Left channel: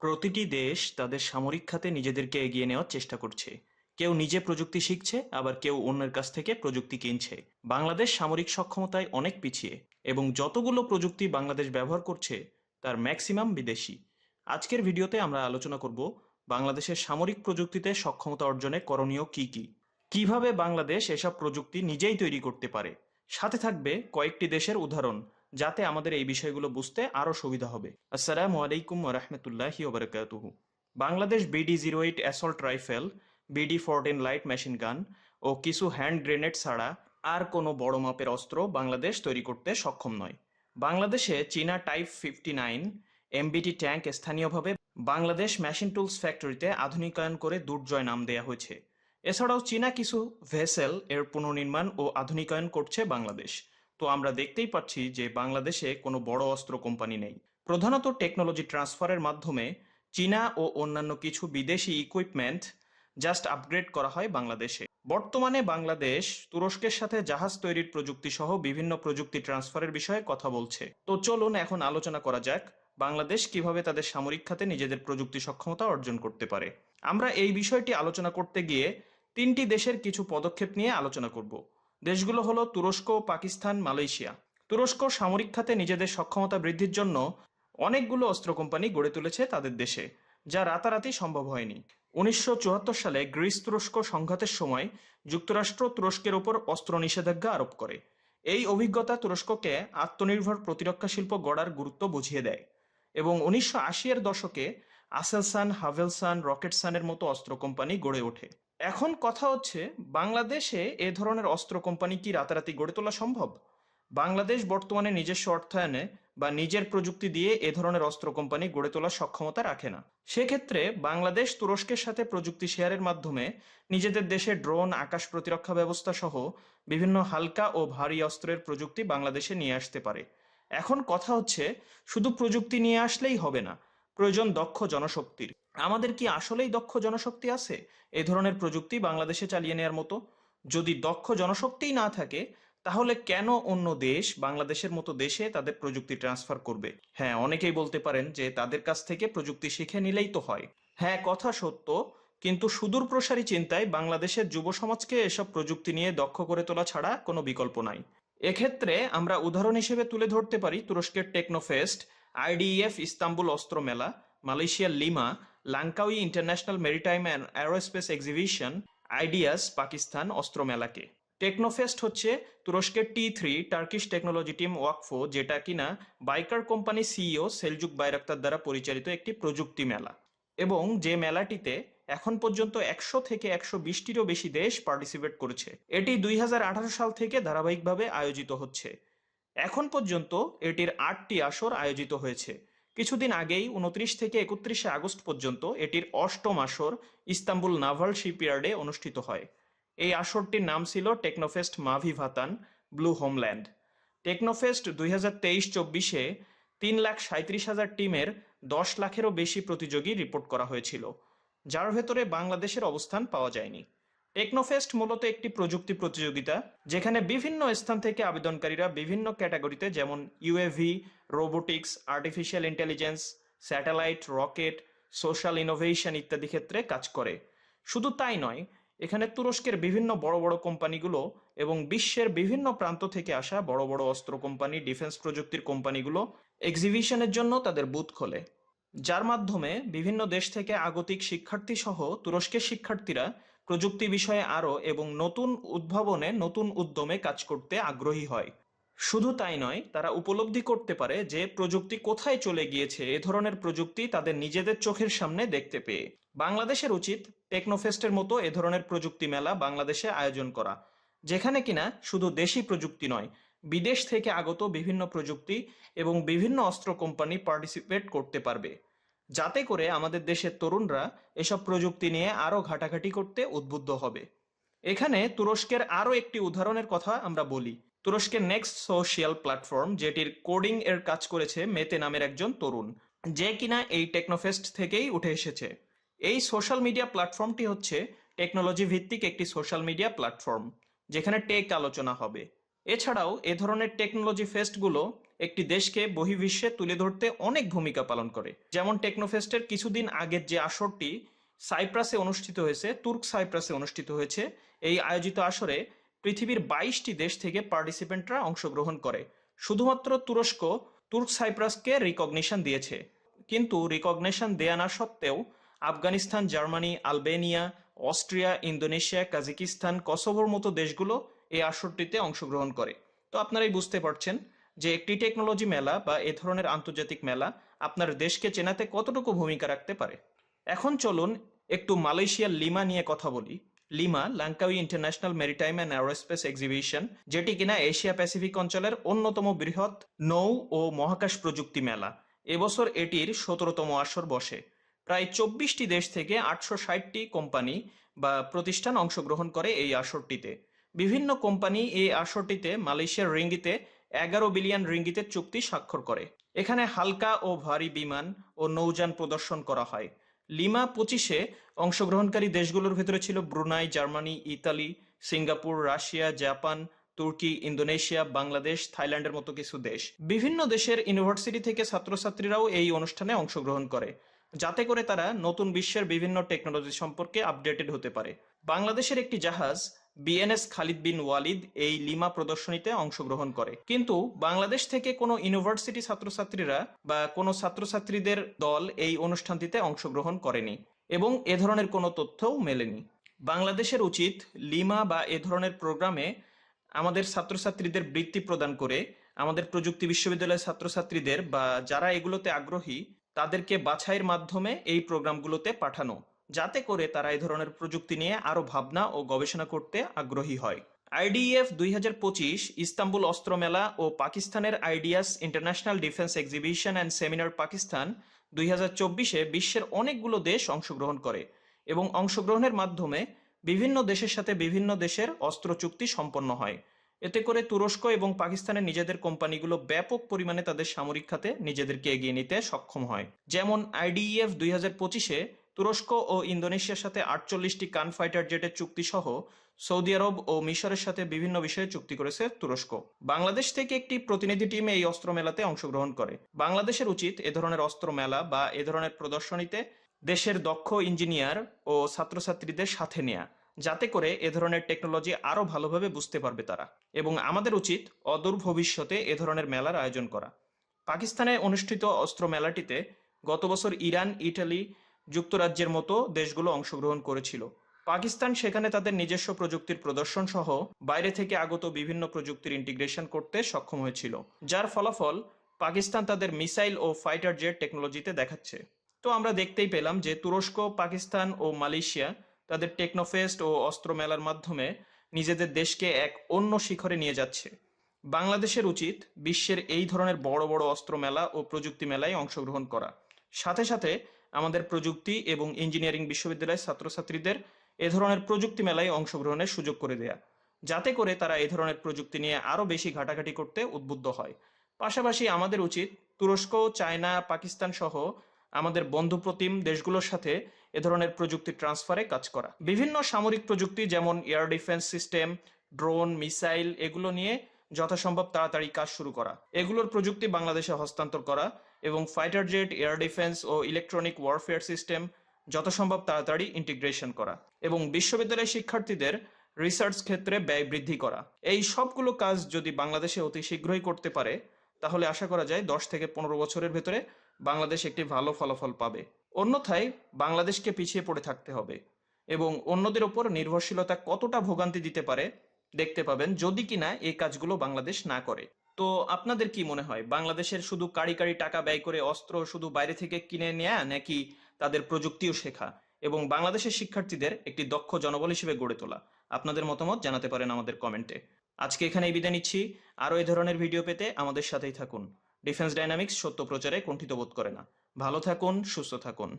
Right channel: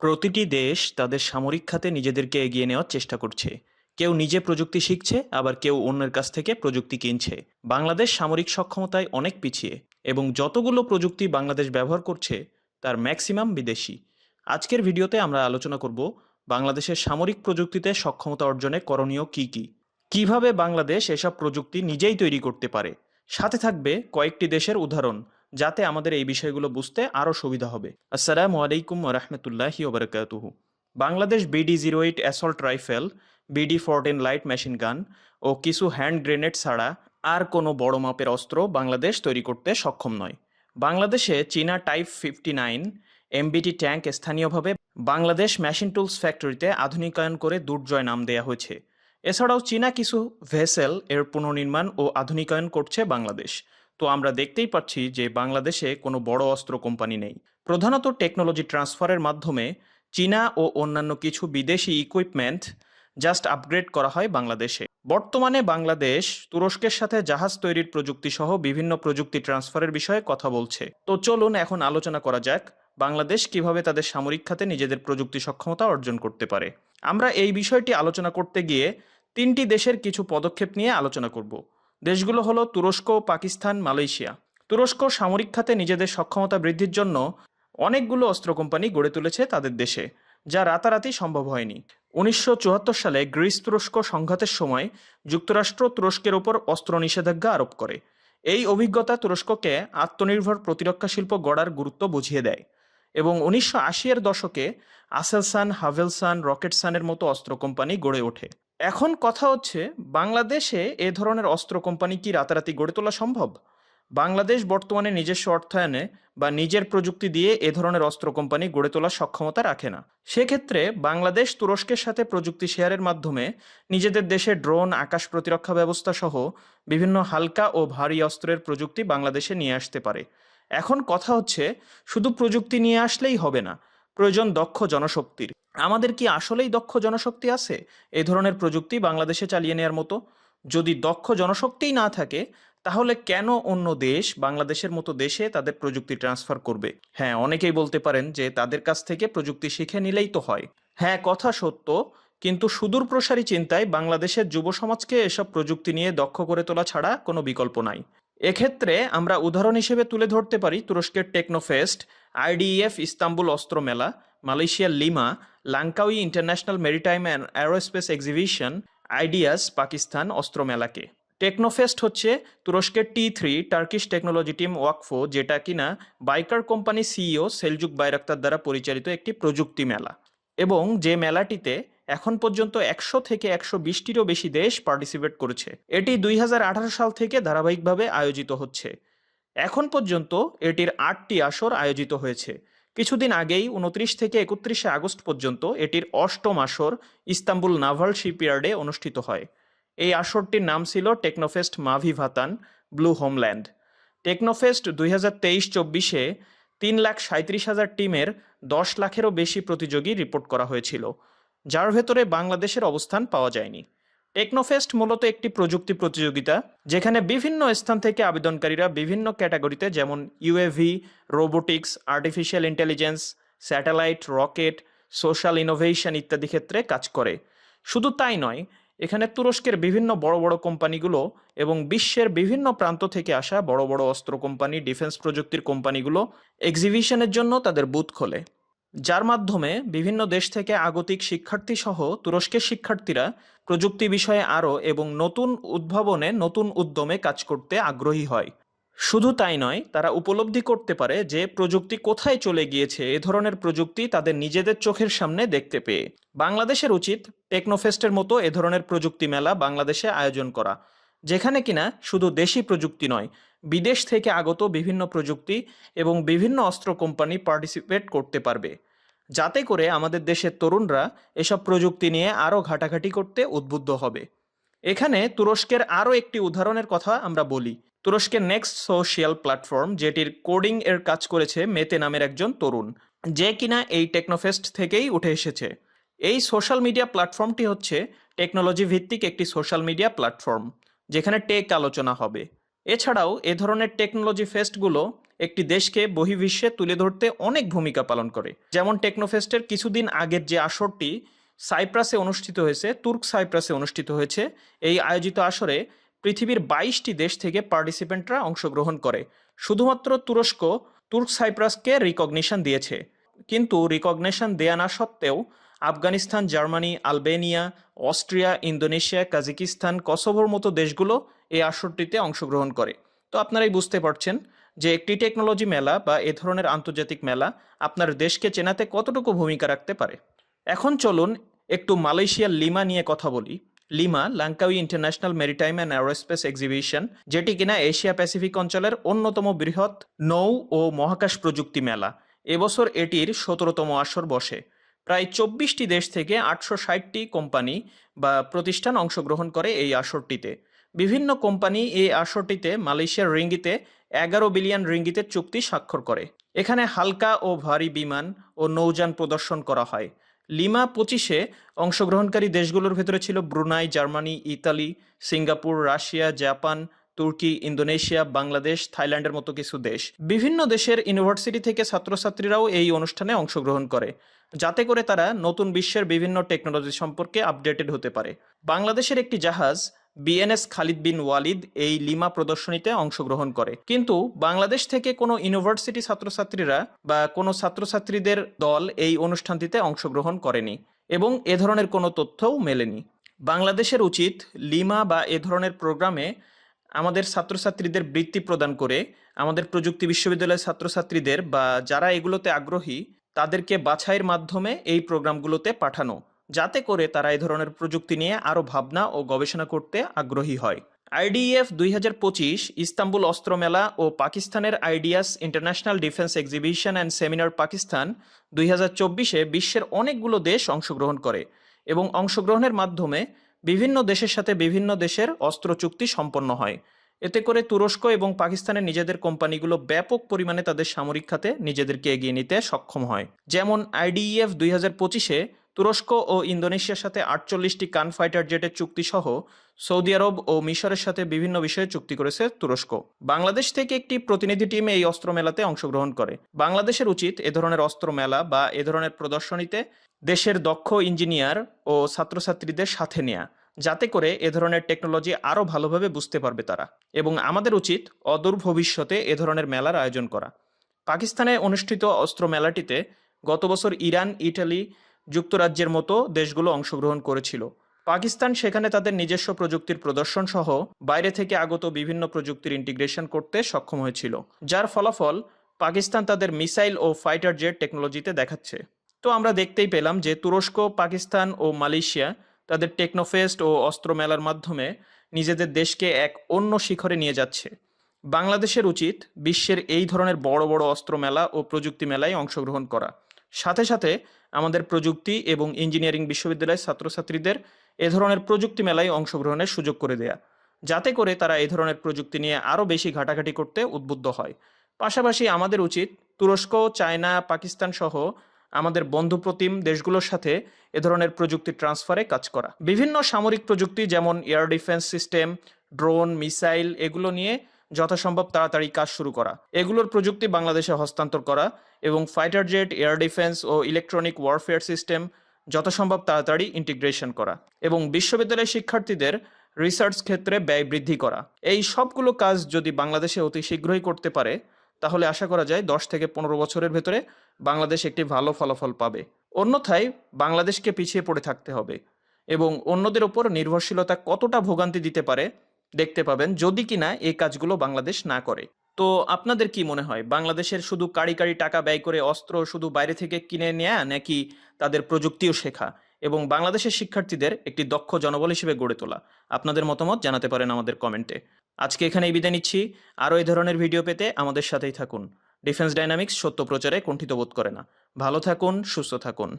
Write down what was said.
প্রতিটি দেশ তাদের সামরিক খাতে নিজেদেরকে এগিয়ে নেওয়ার চেষ্টা করছে। কেউ নিজে প্রযুক্তি শিখছে, আবার কেউ অন্যের কাছ থেকে প্রযুক্তি কিনছে। বাংলাদেশ সামরিক সক্ষমতায় অনেক পিছিয়ে, এবং যতগুলো প্রযুক্তি বাংলাদেশ ব্যবহার করছে, তার ম্যাক্সিমাম বিদেশি। আজকের ভিডিওতে আমরা আলোচনা করব বাংলাদেশের সামরিক প্রযুক্তিতে সক্ষমতা অর্জনে করণীয় কি কি? কীভাবে বাংলাদেশ এসব প্রযুক্তি নিজেই তৈরি করতে পারে? সাথে থাকবে কয়েকটি দেশের উদাহরণ। যাতে আমাদের এই বিষয়গুলো বুঝতে আরও সুবিধা হবে। আসসালামু আলাইকুম রহমতুল্লাহি ওবরাকাতুহু Bangladesh BD zero eight assault rifle, BD fourteen light machine gun ও কিছু হ্যান্ড গ্রেনেড ছাড়া আর কোনো বড় মাপের অস্ত্র বাংলাদেশ তৈরি করতে সক্ষম নয়। বাংলাদেশে চীনা type fifty nine, MBT tank স্থানীয়ভাবে বাংলাদেশ মেশিন টুলস ফ্যাক্টরিতে আধুনিকায়ন করে দুর্জয় নাম দেয়া হয়েছে। এছাড়াও চীনা কিছু ভেসেল এর পুনর্নির্মাণ ও আধুনিকায়ন করছে বাংলাদেশ। তো আমরা দেখতেই পাচ্ছি যে বাংলাদেশে কোনো বড় অস্ত্র কোম্পানি নেই। প্রধানত টেকনোলজি ট্রান্সফারের মাধ্যমে চীনা ও অন্যান্য কিছু বিদেশি ইকুইপমেন্ট জাস্ট আপগ্রেড করা হয় বাংলাদেশে। বর্তমানে বাংলাদেশ তুরস্কের সাথে জাহাজ তৈরির প্রযুক্তি সহ বিভিন্ন প্রযুক্তি ট্রান্সফারের বিষয়ে কথা বলছে। তো চলুন এখন আলোচনা করা যাক বাংলাদেশ কীভাবে তাদের সামরিক খাতে নিজেদের প্রযুক্তি সক্ষমতা অর্জন করতে পারে। আমরা এই বিষয়টি আলোচনা করতে গিয়ে তিনটি দেশের কিছু পদক্ষেপ নিয়ে আলোচনা করব। দেশগুলো হলো তুরস্ক, পাকিস্তান, মালয়েশিয়া। তুরস্ক সামরিক খাতে নিজেদের সক্ষমতা বৃদ্ধির জন্য অনেকগুলো অস্ত্র কোম্পানি গড়ে তুলেছে তাদের দেশে, যা রাতারাতি সম্ভব হয়নি। উনিশশো চুয়াত্তর সালে গ্রিস তুরস্ক সংঘাতের সময় যুক্তরাষ্ট্র তুরস্কের উপর অস্ত্র নিষেধাজ্ঞা আরোপ করে। এই অভিজ্ঞতা তুরস্ককে আত্মনির্ভর প্রতিরক্ষা শিল্প গড়ার গুরুত্ব বুঝিয়ে দেয় এবং উনিশশো আশি এর দশকে আসেলসান হাভেলসান রকেটসানের মতো অস্ত্র কোম্পানি গড়ে ওঠে। এখন কথা হচ্ছে, বাংলাদেশে এ ধরনের অস্ত্র কোম্পানি কি রাতারাতি গড়ে তোলা সম্ভব? বাংলাদেশ বর্তমানে নিজস্ব অর্থায়নে বা নিজের প্রযুক্তি দিয়ে এ ধরনের অস্ত্র কোম্পানি গড়ে তোলার সক্ষমতা রাখে না। সেক্ষেত্রে বাংলাদেশ তুরস্কের সাথে প্রযুক্তি শেয়ারের মাধ্যমে নিজেদের দেশে ড্রোন, আকাশ প্রতিরক্ষা ব্যবস্থা সহ বিভিন্ন হালকা ও ভারী অস্ত্রের প্রযুক্তি বাংলাদেশে নিয়ে আসতে পারে। এখন কথা হচ্ছে, শুধু প্রযুক্তি নিয়ে আসলেই হবে না প্রয়োজন দক্ষ জনশক্তির। আমাদের কি আসলেই দক্ষ জনশক্তি আছে? এই ধরনের প্রযুক্তি বাংলাদেশে চালিয়ে নেওয়ার মতো? যদি দক্ষ জনশক্তিই না থাকে, তাহলে কেন অন্য দেশ, বাংলাদেশের মতো দেশে তাদের প্রযুক্তি ট্রান্সফার করবে? হ্যাঁ অনেকেই বলতে পারেন যে তাদের কাছ থেকে প্রযুক্তি শিখে নিলেই তো হয়। হ্যাঁ কথা সত্য, কিন্তু সুদূর প্রসারী চিন্তায় বাংলাদেশের যুব সমাজকে এসব প্রযুক্তি নিয়ে দক্ষ করে তোলা ছাড়া কোনো বিকল্প নাই। এক্ষেত্রে আমরা উদাহরণ হিসেবে তুলে ধরতে পারি তুরস্কের টেকনোফেস্ট আইডিএফ ইস্তাম্বুল অস্ত্র মেলা মালয়েশিয়ার LIMA Langkawi International Maritime and Aerospace Exhibition, IDEAS, Pakistan অস্ত্র মেলাকে। টেকনোফেস্ট হচ্ছে তুরস্কের T three Turkish Technology Team ওয়াকফো, যেটা কিনা Baykar company CEO Selcuk Bayraktar দ্বারা পরিচালিত একটি প্রযুক্তি মেলা। এবং যে মেলাটিতে এখন পর্যন্ত একশো থেকে একশো বিশটিরও বেশি দেশ পার্টিসিপেট করেছে। এটি দুই হাজার আঠারো সাল থেকে ধারাবাহিকভাবে আয়োজিত হচ্ছে। এখন পর্যন্ত এটির আটটি আসর আয়োজিত হয়েছে। কিছুদিন আগেই উনত্রিশ থেকে একত্রিশে আগস্ট পর্যন্ত এটির অষ্টম আসর ইস্তাম্বুল নাভাল শিপইয়ার্ডে অনুষ্ঠিত হয়। এই আসরটির নাম ছিল টেকনোফেস্ট মাভি ভাতান ব্লু হোমল্যান্ড। টেকনোফেস্ট দুই হাজার তেইশ চব্বিশে তিন লাখ সাঁত্রিশ হাজার টিমের দশ লাখেরও বেশি প্রতিযোগী রিপোর্ট করা হয়েছিল। যার ভেতরে বাংলাদেশের অবস্থান পাওয়া যায়নি। টেকনোফেস্ট মূলত একটি প্রযুক্তি প্রতিযোগিতা, যেখানে বিভিন্ন স্থান থেকে আবেদনকারীরা বিভিন্ন ক্যাটাগরিতে যেমন UAV robotics, artificial intelligence, satellite, rocket, social innovation ইত্যাদি ক্ষেত্রে কাজ করে। শুধু তাই নয়, এখানে তুরস্কের বিভিন্ন বড় বড় কোম্পানিগুলো এবং বিশ্বের বিভিন্ন প্রান্ত থেকে আসা বড় বড় অস্ত্র কোম্পানি, ডিফেন্স প্রযুক্তির কোম্পানিগুলো এক্সিবিশনের জন্য তাদের বুথ খোলে। যার মাধ্যমে বিভিন্ন দেশ থেকে আগতিক শিক্ষার্থী সহ তুরস্কের শিক্ষার্থীরা প্রযুক্তি বিষয়ে আরও এবং নতুন উদ্ভাবনে নতুন উদ্যমে কাজ করতে আগ্রহী হয়। শুধু তাই নয়, তারা উপলব্ধি করতে পারে যে প্রযুক্তি কোথায় চলে গিয়েছে, এ ধরনের প্রযুক্তি তাদের নিজেদের চোখের সামনে দেখতে পেয়ে। বাংলাদেশের উচিত টেকনোফেস্টের মতো এ ধরনের প্রযুক্তি মেলা বাংলাদেশে আয়োজন করা, যেখানে কিনা শুধু দেশি প্রযুক্তি নয় বিদেশ থেকে আগত বিভিন্ন প্রযুক্তি এবং বিভিন্ন অস্ত্র কোম্পানি পার্টিসিপেট করতে পারবে। যাতে করে আমাদের দেশের তরুণরা এসব প্রযুক্তি নিয়ে আরও ঘাটাঘাটি করতে উদ্বুদ্ধ হবে। এখানে তুরস্কের আরও একটি উদাহরণের কথা আমরা বলি। তুরস্কের নেক্সট সোশিয়াল প্ল্যাটফর্ম যেটির কোডিং এর কাজ করেছে মেতে নামের একজন তরুণ, যে কিনা এই টেকনোফেস্ট থেকেই উঠে এসেছে। এই সোশ্যাল মিডিয়া প্ল্যাটফর্মটি হচ্ছে টেকনোলজি ভিত্তিক একটি সোশ্যাল মিডিয়া প্ল্যাটফর্ম যেখানে টেক আলোচনা হবে। এছাড়াও এ ধরনের টেকনোলজি ফেস্টগুলো একটি দেশকে বহির্বিশ্বে তুলে ধরতে অনেক ভূমিকা পালন করে। যেমন টেকনোফেস্টের কিছুদিন আগের যে আসরটি সাইপ্রাসে অনুষ্ঠিত হয়েছে, তুর্ক সাইপ্রাসে অনুষ্ঠিত হয়েছে, এই আয়োজিত আসরে পৃথিবীর বাইশটি দেশ থেকে পার্টিসিপেন্টরা অংশগ্রহণ করে। শুধুমাত্র তুরস্ক, তুর্ক সাইপ্রাসকে রিকগনিশন দিয়েছে। কিন্তু রিকগনিশন দেয়া না সত্ত্বেও Afghanistan, Germany, Albania Austria, Indonesia, Kazakhstan, কসোভোর মতো দেশগুলো এই আসরটিতে অংশগ্রহণ করে। তো আপনারাই বুঝতে পারছেন যে একটি টেকনোলজি মেলা বা এ ধরনের আন্তর্জাতিক মেলা আপনার দেশকে চেনাতে কতটুকু ভূমিকা রাখতে পারে। এখন চলুন একটু মালয়েশিয়ার লিমা নিয়ে কথা বলি। LIMA, Langkawi International Maritime and Aerospace Exhibition, যেটি কিনা এশিয়া প্যাসিফিক অঞ্চলের অন্যতম বৃহৎ নৌ ও মহাকাশ প্রযুক্তি মেলা। এবছর এটির সতেরোতম আসর বসে। প্রায় চব্বিশটি দেশ থেকে আটশো ষাটটি কোম্পানি বা প্রতিষ্ঠান অংশগ্রহণ করে এই আসরটিতে। বিভিন্ন কোম্পানি এই আসরটিতে মালয়েশিয়ার রিঙ্গিতে এগারো বিলিয়ন রিঙ্গিতের চুক্তি স্বাক্ষর করে। এখানে হালকা ও ভারী বিমান ও নৌযান প্রদর্শন করা হয়। লিমা পঁচিশে অংশগ্রহণকারী দেশগুলোর ভেতরে ছিল Brunei, Germany, Italy, Singapore, Russia, Japan তুর্কি, ইন্দোনেশিয়া, বাংলাদেশ, থাইল্যান্ডের মতো কিছু দেশ। বিভিন্ন দেশের ইউনিভার্সিটি থেকে ছাত্রছাত্রীরাও এই অনুষ্ঠানে অংশগ্রহণ করে, যাতে করে তারা নতুন বিশ্বের বিভিন্ন টেকনোলজি সম্পর্কে আপডেটেড হতে পারে। বাংলাদেশের একটি জাহাজ, বিএনএস খালিদ বিন ওয়ালিদ, এই লিমা প্রদর্শনীতে অংশগ্রহণ করে। কিন্তু বাংলাদেশ থেকে কোনো ইউনিভার্সিটি ছাত্রছাত্রীরা বা কোনো ছাত্রছাত্রীদের দল এই অনুষ্ঠানটিতে অংশগ্রহণ করেনি এবং এ ধরনের কোনো তথ্যও মেলেনি। বাংলাদেশের উচিত লিমা বা এ ধরনের প্রোগ্রামে আমাদের ছাত্রছাত্রীদের বৃত্তি প্রদান করে আমাদের প্রযুক্তি বিশ্ববিদ্যালয়ের ছাত্রছাত্রীদের বা যারা এগুলোতে আগ্রহী, তাদেরকে বাছাইয়ের মাধ্যমে এই প্রোগ্রামগুলোতে পাঠানো, যাতে করে তারা এই ধরনের প্রযুক্তি নিয়ে আরও ভাবনা ও গবেষণা করতে আগ্রহী হয়। আইডিএফ দুই হাজার পঁচিশ, ইস্তাম্বুল অস্ত্র মেলা ও পাকিস্তানের IDEAS International Defence Exhibition and Seminar Pakistan দুই হাজার চব্বিশে বিশ্বের অনেকগুলো দেশ অংশগ্রহণ করে এবং অংশগ্রহণের মাধ্যমে বিভিন্ন দেশের সাথে বিভিন্ন দেশের অস্ত্র চুক্তি সম্পন্ন হয়। এতে করে তুরস্ক এবং পাকিস্তানের নিজেদের কোম্পানিগুলো ব্যাপক পরিমাণে তাদের সামরিক খাতে নিজেদেরকে এগিয়ে নিতে সক্ষম হয়। যেমন আইডিইএফ দুই হাজার পঁচিশে তুরস্ক ও ইন্দোনেশিয়ার সাথে আটচল্লিশটি কান ফাইটার জেটের চুক্তি সহ সৌদি আরব ও মিশরের সাথে বিভিন্ন বিষয়ে চুক্তি করেছে তুরস্ক। বাংলাদেশ থেকে একটি প্রতিনিধি টিম এই অস্ত্র মেলাতে অংশগ্রহণ করে। বাংলাদেশের উচিত এ ধরনের অস্ত্র মেলা বা এ ধরনের প্রদর্শনীতে দেশের দক্ষ ইঞ্জিনিয়ার ও ছাত্রছাত্রীদের সাথে নেয়া, যাতে করে এ ধরনের টেকনোলজি আরও ভালোভাবে বুঝতে পারবে তারা। এবং আমাদের উচিত অদূর ভবিষ্যতে এ ধরনের মেলার আয়োজন করা। পাকিস্তানে অনুষ্ঠিত অস্ত্র মেলাটিতে গত বছর ইরান, ইটালি যুক্তরাজ্যের মতো দেশগুলো অংশগ্রহণ করেছিল। পাকিস্তান সেখানে তাদের নিজস্ব প্রযুক্তির প্রদর্শন সহ বাইরে থেকে আগত বিভিন্ন প্রযুক্তির ইন্টিগ্রেশন করতে সক্ষম হয়েছিল, যার ফলাফল পাকিস্তান তাদের মিসাইল ও ফাইটার জেট টেকনোলজিতে দেখাচ্ছে। তো আমরা দেখতেই পেলাম যে তুরস্ক, পাকিস্তান ও মালয়েশিয়া তাদের টেকনোফেস্ট ও অস্ত্র মেলার মাধ্যমে নিজেদের দেশকে এক অন্য শিখরে নিয়ে যাচ্ছে। বাংলাদেশের উচিত বিশ্বের এই ধরনের বড় বড় অস্ত্র মেলা ও প্রযুক্তি মেলায় অংশগ্রহণ করা। সাথে সাথে আমাদের প্রযুক্তি এবং ইঞ্জিনিয়ারিং বিশ্ববিদ্যালয়ের ছাত্রছাত্রীদের এ ধরনের প্রযুক্তি মেলায় অংশগ্রহণের সুযোগ করে দেয়া। যাতে করে তারা এ ধরনের প্রযুক্তি নিয়ে আরও বেশি ঘাটাঘাটি করতে উদ্বুদ্ধ হয়। পাশাপাশি আমাদের উচিত তুরস্ক, চায়না, পাকিস্তান সহ আমাদের বন্ধুপ্রতিম দেশগুলোর সাথে এ ধরনের প্রযুক্তি ট্রান্সফারে কাজ করা। বিভিন্ন সামরিক প্রযুক্তি যেমন air defence system, drone, missile এগুলো নিয়ে যথাসম্ভব তাড়াতাড়ি কাজ শুরু করা। এগুলোর প্রযুক্তি বাংলাদেশে হস্তান্তর করা এবং ফাইটার জেট এয়ার ডিফেন্স ও ইলেকট্রনিক ওয়ারফেয়ার সিস্টেম যথাসম্ভব তাড়াতাড়ি ইন্টিগ্রেশন করা এবং বিশ্ববিদ্যালয়ের শিক্ষার্থীদের রিসার্চ ক্ষেত্রে ব্যয় বৃদ্ধি করা। এই সবগুলো কাজ যদি বাংলাদেশে অতি শীঘ্রই করতে পারে, তাহলে আশা করা যায় দশ থেকে পনেরো বছরের ভেতরে বাংলাদেশ একটি ভালো ফলাফল পাবে। অন্যথায় বাংলাদেশকে পিছিয়ে পড়ে থাকতে হবে এবং অন্যদের ওপর নির্ভরশীলতা কতটা ভোগান্তি দিতে পারে দেখতে পাবেন, যদি কিনা এই কাজগুলো বাংলাদেশ না করে। তো আপনাদের কি মনে হয়, বাংলাদেশের শুধু কাড়ি কাড়ি টাকা ব্যয় করে অস্ত্র শুধু বাইরে থেকে কিনে নেয়া নাকি তাদের প্রযুক্তিও শেখা? এবং বাংলাদেশের শিক্ষার্থীদের একটি দক্ষ জনবল হিসেবে গড়ে তোলা? আপনাদের মতামত জানাতে পারেন আমাদের কমেন্টে। আজকে এখানেই বিদায় নিচ্ছি। আরও এই ধরনের ভিডিও পেতে আমাদের সাথেই থাকুন। ডিফেন্স ডাইনামিক্স সত্য প্রচারে কুণ্ঠিত বোধ করে না। ভালো থাকুন, সুস্থ থাকুন।